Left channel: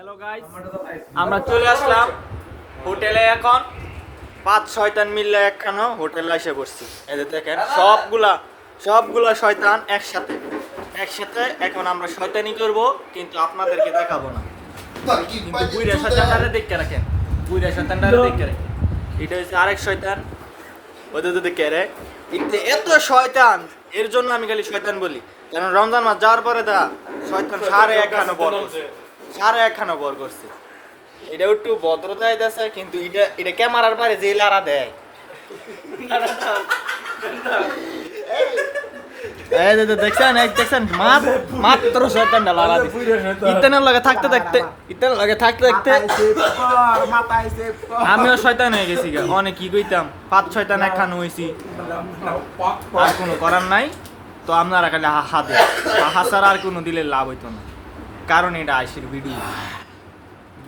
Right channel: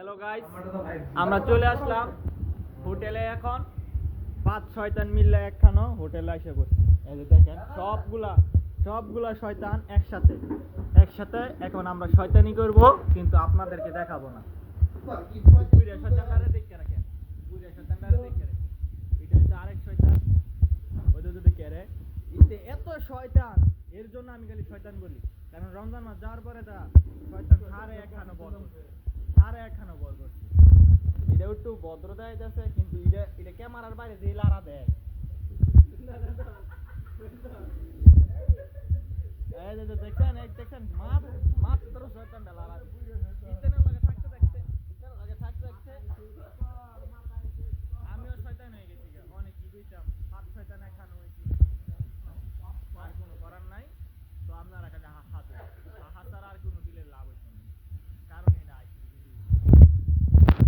Hello guys, আমরা চলে আসলাম হোটেলে। এখন 5-6জন মিলে একখানো হোটেলে এসে বসছি। এদের দেখেন সবগুলা শয়তান একসাথে এখন আমরা শয়তানি করব, কিন্তু আপনাদেরকে দেখাবো না। বুইরা শয়তানটারে দেখে রাখেন, এটা হচ্ছে আরেক শয়তান, ওদের দেখে রে। এত শয়তান, এর জন্য আমি খালি শয়তান বলি, কারণ রমজান মাস যাওয়ার পরে শয়তান সাড়ে একখানো বর করছে। এটা একটু ভদ্রতা দিতেছে, কিন্তু এটা ক্যামেরার বাইরে যে লারা দেয়। দেখছেন মাত্র শয়তানটা লারা ইতানের লগে থাকতে আমিও শয়তান হয়ে গেছি। অনেক কি কইতাম, 5-6জন একখানো হয়েছি, আর কোনো করার নাই। তো আপনারা খালি হাহা ছাড়া আর কোনো দিলে লাভ হইতো না, কারণ এটা আইসির ভিডিও।